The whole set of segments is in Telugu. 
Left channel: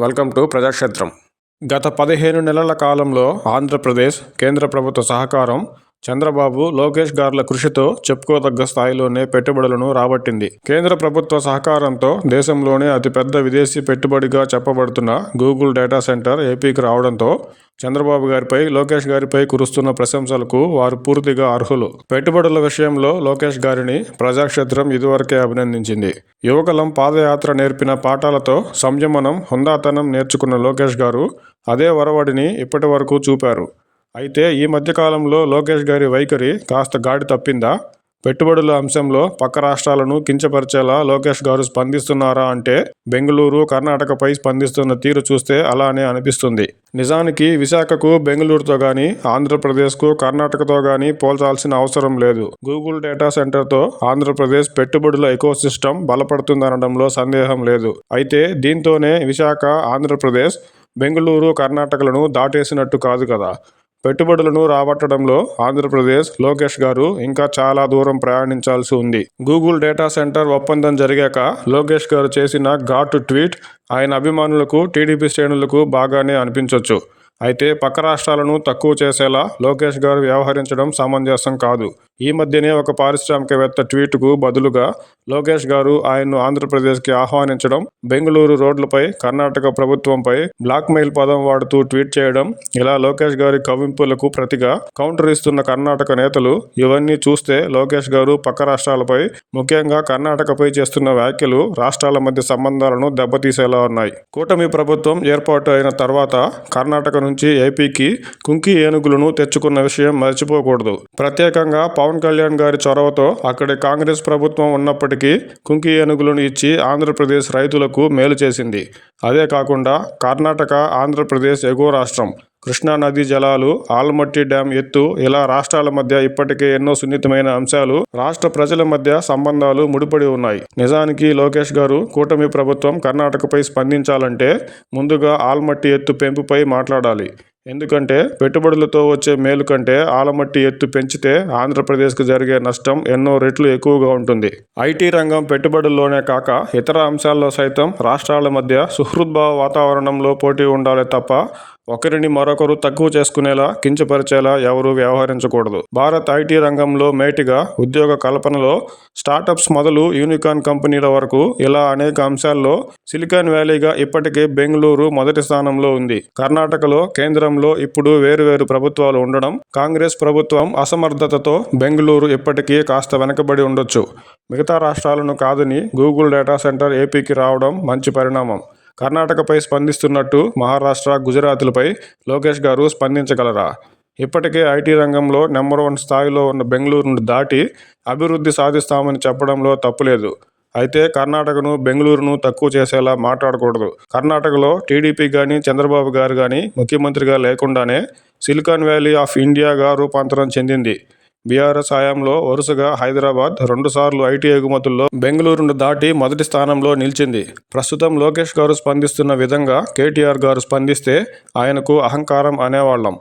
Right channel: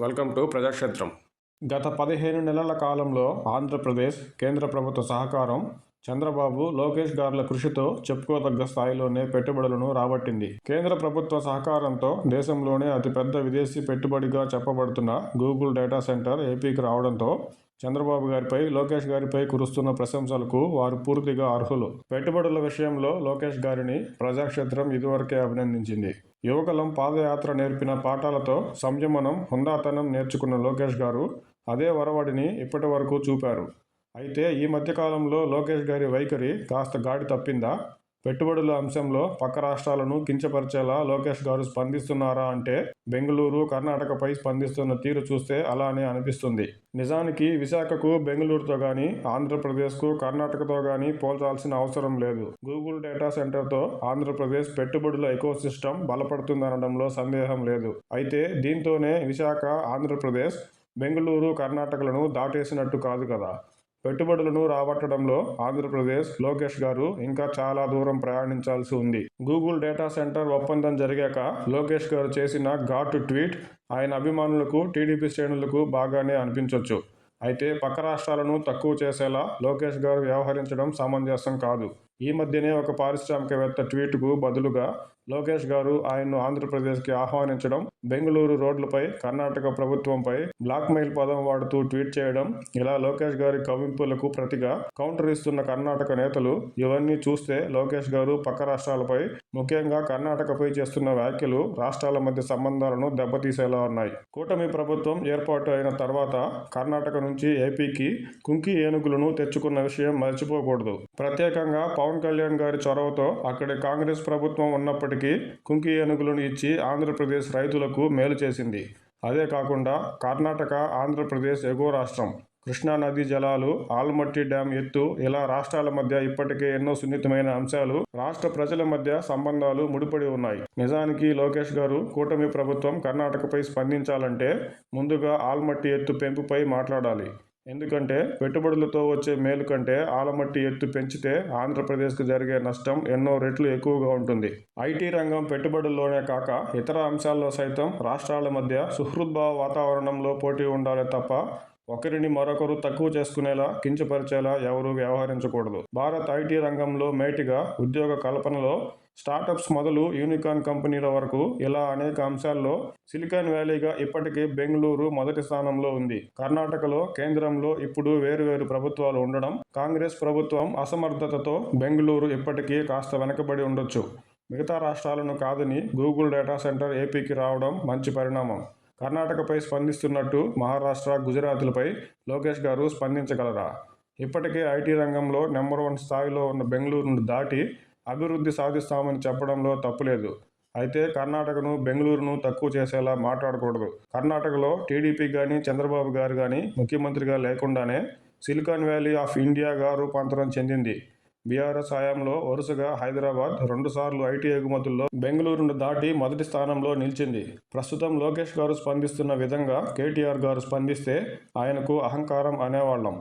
Welcome to ప్రజాక్షేత్రం. గత పదిహేను నెలల కాలంలో ఆంధ్రప్రదేశ్ కేంద్ర ప్రభుత్వ సహకారం చంద్రబాబు లోకేష్ గార్ల కృషితో చెప్పుకోదగ్గ స్థాయిలోనే పెట్టుబడులను రాబట్టింది. కేంద్ర ప్రభుత్వ సహకారంతో దేశంలోనే అతిపెద్ద విదేశీ పెట్టుబడిగా చెప్పబడుతున్న గూగుల్ డేటా సెంటర్ ఏపీకి రావడంతో చంద్రబాబు గారిపై లోకేష్ గారిపై కురుస్తున్న ప్రశంసలకు వారు పూర్తిగా అర్హులు. పెట్టుబడుల విషయంలో లోకేష్ గారిని ప్రజాక్షేత్రం ఇదివరకే అభినందించింది. యువకులం పాదయాత్ర నేర్పిన పాఠాలతో సంయమనం హుందాతనం నేర్చుకున్న లోకేష్ గారు అదే వరవడిని ఇప్పటి వరకు చూపారు. అయితే ఈ మధ్యకాలంలో లోకేష్ గారి వైఖరి కాస్త గాడి తప్పిందా? పెట్టుబడుల అంశంలో పక్క రాష్ట్రాలను కించపరిచేలా లోకేష్ గారు స్పందిస్తున్నారా అంటే బెంగళూరు కర్ణాటకపై స్పందిస్తున్న తీరు చూస్తే అలానే అనిపిస్తుంది. నిజానికి విశాఖకు బెంగళూరుతో కానీ ఆంధ్రప్రదేశ్కు కర్ణాటకతో కానీ పోల్చాల్సిన అవసరం లేదు. గూగుల్ డేటా సెంటర్తో ఆంధ్రప్రదేశ్ పెట్టుబడుల ఎకోసిస్టమ్ బలపడుతుందనడంలో సందేహం లేదు. అయితే దీంతోనే విశాఖ ఆంధ్రప్రదేశ్ బెంగళూరు కర్ణాటకలను దాటేసినట్టు కాదు కదా. పెట్టుబడులను రాబట్టడంలో ఆంధ్రప్రదేశ్ లోకేష్ గారు ఇంకా చాలా దూరం ప్రయాణించాల్సి ఉంది. గూగుల్ డేటా సెంటర్ ఒప్పందం జరిగాక లోకేష్ గారు చేసిన ఘాటు ట్వీట్ ఆయన అభిమానులకు టీడీపీ శ్రేణులకు బాగానే అనిపించవచ్చు అయితే పక్క రాష్ట్రాలను తక్కువ చేసేలా లోకేష్ గారు వ్యవహరించడం సమంజసం కాదు. ఈ మధ్యనే ఒక పారిశ్రామికవేత్త ట్వీట్కు బదులుగా లోకేష్ గారు ఆయన్ను ఆంధ్రప్రదేశ్కి ఆహ్వానించడం బెంగళూరు రోడ్లపై కర్ణాటక ప్రభుత్వంపై బ్లాక్మెయిల్ పదం వాడుతూ ట్వీట్ చేయడం ఇలా లోకేష్ గారి కవింపులకు ప్రతిగా కౌంటర్ ఇస్తున్న కర్ణాటక నేతలు ఇవన్నీ చూస్తే లోకేష్ గారు పక్క రాష్ట్రాలపై ముఖ్యంగా కర్ణాటకపై చేస్తున్న వ్యాఖ్యలు రాష్ట్రాల మధ్య సంబంధాలను దెబ్బతీసేలా ఉన్నాయి. కూటమి ప్రభుత్వం ఏర్పాటు అయిన తర్వాత కర్ణాటక నుంచి ఏపీకి కుంకి ఏనుగులను తెచ్చుకున్న విషయం మర్చిపోకూడదు. ప్రత్యేకంగా పవన్ కళ్యాణ్ గారి చొరవతో అక్కడి కాంగ్రెస్ ప్రభుత్వం ఉన్నప్పటికీ కుంకి ఏనుగులను ఇచ్చి ఆంధ్రప్రదేశ్ రైతులకు మేలు చేసింది. అదే కాకుండా కర్ణాటక ఆంధ్రప్రదేశ్ ఎగువ రాష్ట్రం కృష్ణా నదీ జలాలు ఆల్మట్టి డ్యాం ఎత్తు ఇలా రాష్ట్రాల మధ్య ఇప్పటికే ఎన్నో సున్నితమైన అంశాలు రాష్ట్ర ప్రజల మధ్య సంబంధాలు ముడిపడి ఉన్నాయి. నిజానికి లోకేష్ గారు కూటమి ప్రభుత్వం కర్ణాటకపై స్పందించాలంటే ముందుగా ఆల్మట్టి ఎత్తు పెంపుపై మాట్లాడాలి. ఎందుకంటే పెట్టుబడులతో వచ్చే మేలు కంటే ఆలమట్టి ఎత్తు పెంచితే ఆంధ్రప్రదేశ్కు జరిగే నష్టం ఎన్నో రెట్లు ఎక్కువగా ఉంటుంది. ఐటీ రంగం పెట్టుబడుల్లోనే కాక ఇతర అంశాల్లో సైతం రాష్ట్రాల మధ్య సుహృద్భావ వాతావరణంలో పోటీ ఉండాలి తప్ప ఒకరిని మరొకరు తక్కువ చేసుకునేలా కించపరిచేలా ఎవరూ వ్యవహరించకూడదు. భారత్ ఐటీ రంగంలో మేటిగా ఉద్యోగ కల్పనలో స్టార్టప్స్ మొదలు యూనికాన్ కంపెనీల వరకు ఇలా అనేక అంశాల్లో సిలికాన్ వ్యాలీగా ఇప్పటికే బెంగళూరు మొదటి స్థానంలో ఉంది. కర్ణాటకలో కేంద్రంలో ఇప్పుడు వేరువేరు ప్రభుత్వాలు ఉండడం కాంగ్రెస్ ప్రభుత్వం అసమర్థతతో బెంగళూరు ఇప్పటికీ కాస్త వెనకబడి ఉండొచ్చు. మిగతా రాష్ట్రాలను కాదని గూగుల్ డేటా సెంటర్ ఏపీకి రావడం మంచి పరిణామం. కర్ణాటకపై స్పందిస్తున్నట్టు మహారాష్ట్ర గుజరాత్లపై లోకేష్ గారు స్పందించగలరా? ఇప్పటికే ఐటీ రంగంలో నెంబర్ వన్ స్థాయిలో ఉన్న బెంగళూరును దాటి అభివృద్ధి సాధిస్తామని చెప్పడంలో తప్పులేదు. అయితే కర్ణాటకను బెంగళూరును తక్కువ చేసేలా మాట్లాడకూడదు. కర్ణాటకలో టీడీపీ కానీ చంద్రబాబు గారు కానీ ముఖ్యమంత్రిగా లేకుండానే సిలికాన్ వ్యాలీ ఆఫ్ ఇండియాగా రూపాంతరం చెందింది. బీఆర్ఎస్ హయాంలో వరుసగా హైదరాబాద్ రెండుసార్లు ఐటీ ఎగుమతుల్లో బెంగళూరును దాటి మొదటి స్థానంలో నిలిచింది. ప్రస్తుతం లోకేష్ గారు స్పందిస్తున్న విధంగా కేటీఆర్ గారు స్పందిస్తే ఆయనకు అహంకారం అనేవాళ్ళం.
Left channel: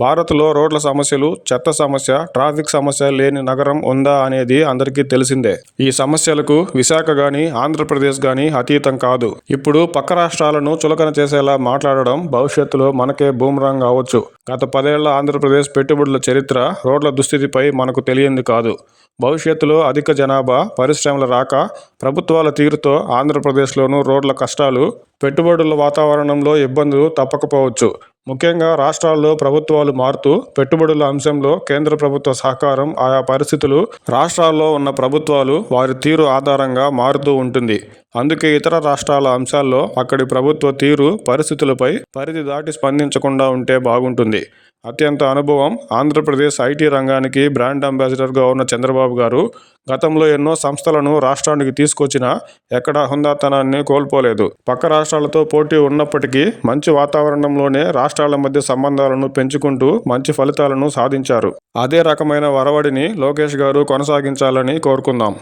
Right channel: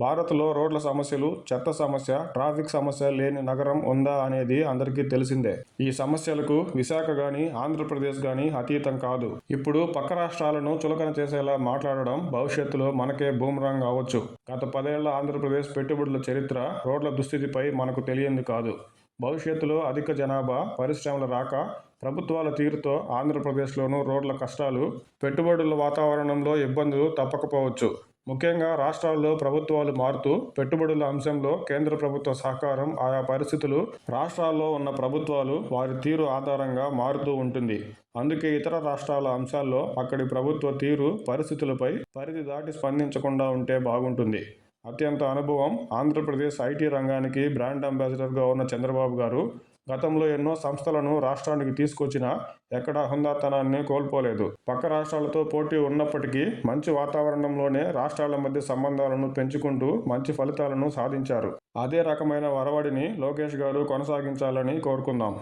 భారత్లో రోడ్ల సమస్యలు చెత్త సమస్య ట్రాఫిక్ సమస్య లేని నగరం ఉందా అనేది అందరికీ తెలిసిందే. ఈ సమస్యలకు విశాఖ గాని ఆంధ్రప్రదేశ్ గాని అతీతం కాదు. ఇప్పుడు పక్క రాష్ట్రాలను చులకన చేసేలా మాట్లాడడం భవిష్యత్తులో మనకే బూమరాంగ్ అవ్వచ్చు గత పదేళ్ళ ఆంధ్రప్రదేశ్ పెట్టుబడుల చరిత్ర రోడ్ల దుస్థితిపై మనకు తెలియంది కాదు. భవిష్యత్తులో అధిక జనాభా పరిశ్రమల రాక ప్రభుత్వాల తీరుతో ఆంధ్రప్రదేశ్లోనూ రోడ్ల కష్టాలు పెట్టుబడుల వాతావరణంలో ఇబ్బందులు తప్పకపోవచ్చు. ముఖ్యంగా రాష్ట్రాల్లో ప్రభుత్వాలు మారుతూ పెట్టుబడుల అంశంలో కేంద్ర ప్రభుత్వ సహకారం ఆయా పరిస్థితులు రాష్ట్రాల్లో ఉన్న ప్రభుత్వాలు వారి తీరు ఆధారంగా మారుతూ ఉంటుంది. అందుకే ఇతర రాష్ట్రాల అంశాల్లో అక్కడి ప్రభుత్వ తీరు పరిస్థితులపై పరిధి దాటి స్పందించకుండా ఉంటే బాగుంటుంది. అత్యంత అనుభవం ఆంధ్రప్రదేశ్ ఐటీ రంగానికి బ్రాండ్ అంబాసిడర్గా ఉన్న చంద్రబాబు గారు గతంలో ఎన్నో సంస్థలను రాష్ట్రానికి తీసుకొచ్చినా ఎక్కడా హుందాతనాన్ని కోల్పోలేదు. పక్క రాష్ట్రాలతో పోటీ ఉన్నప్పటికీ మంచి వాతావరణంలోనే రాష్ట్రాల మధ్య సంబంధాలను పెంచుకుంటూ మంచి ఫలితాలను సాధించారు. అదే రకమైన వరవడిని లోకేష్ గారు కొనసాగించాలని కోరుకుందాం.